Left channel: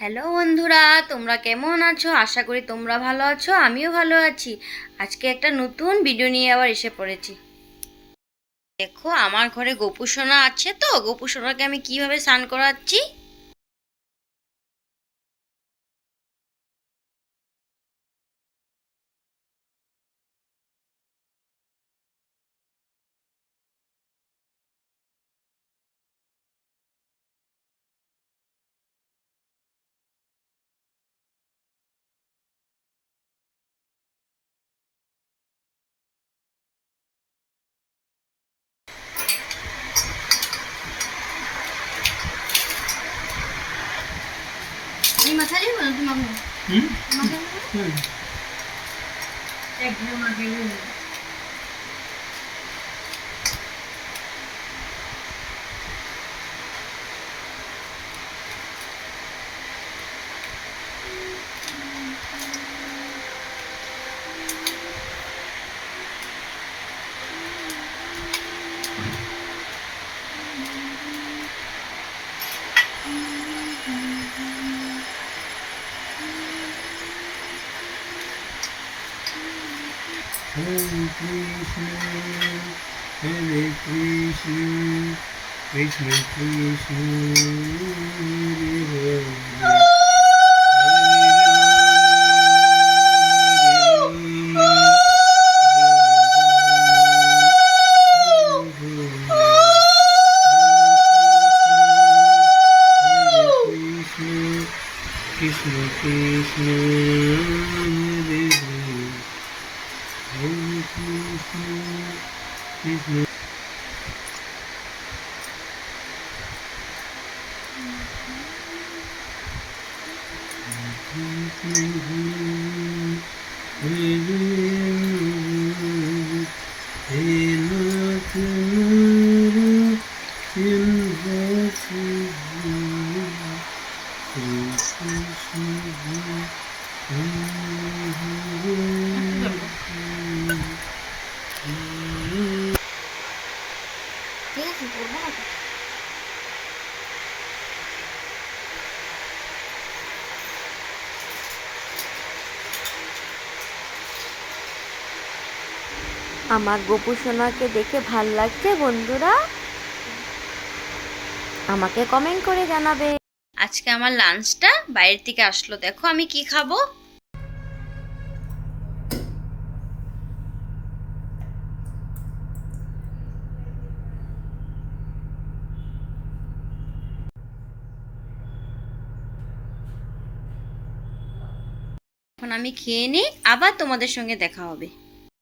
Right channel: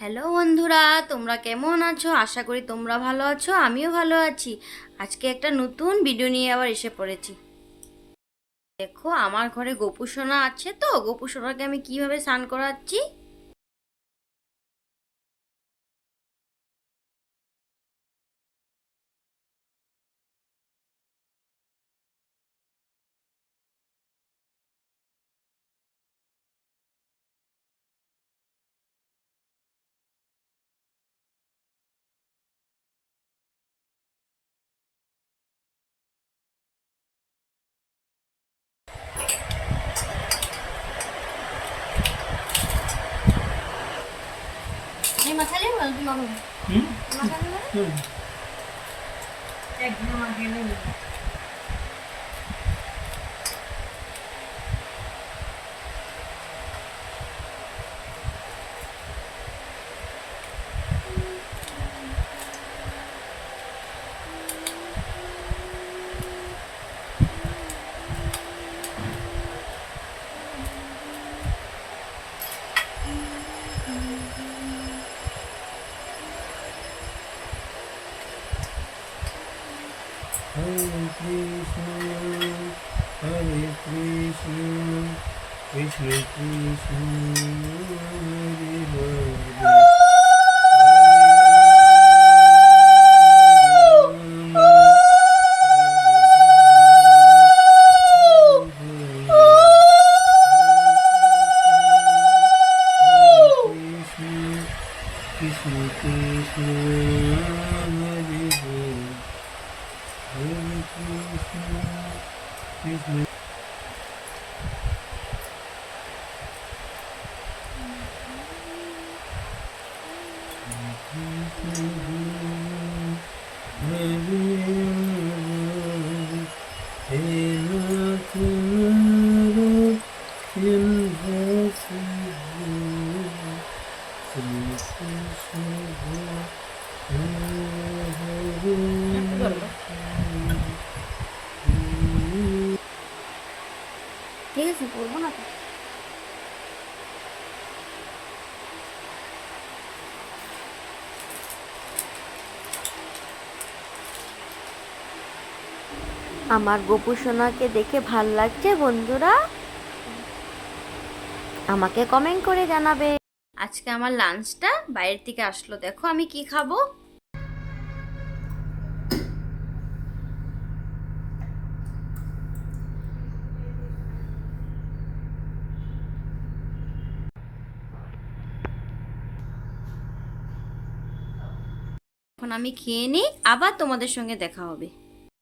Hello বন্ধুরা, তোমরা কেমন আছো? আশা করি তোমরা ভালো আছো, আমিও ভালো আছি। আজকে একটা নতুন ভিডিও নিয়ে আবার এসে পড়েছি। দেখো, আমার ঘরে গোপু সোনা আছে, তো গোপু সোনাকে আমি কিভাবে স্নান করাচ্ছি। আমি মাথায় নেব না, তুমি একদম আগে Hare Krishna, Hare Krishna, Krishna Krishna, Hare Hare, Krishna Krishna, Hare Hare. Hare Krishna, Krishna Krishna, Hare Hare, Nath Nara, Simhasana, Shri Krishna, Hare Hare. ঠিক আছে, করবো না তো। আমার গোপু সোনাকে দেখে ভাল লাগছে বন্ধুরা? আমাকে কমেন্ট করে জানাবে। আজকে আমার লাঞ্চটা বাইরের থেকে আসলো, দেখো আমি কি খাবো। এখন আমি খেয়ে নিই, আবার তোমাদের সঙ্গে দেখা হবে।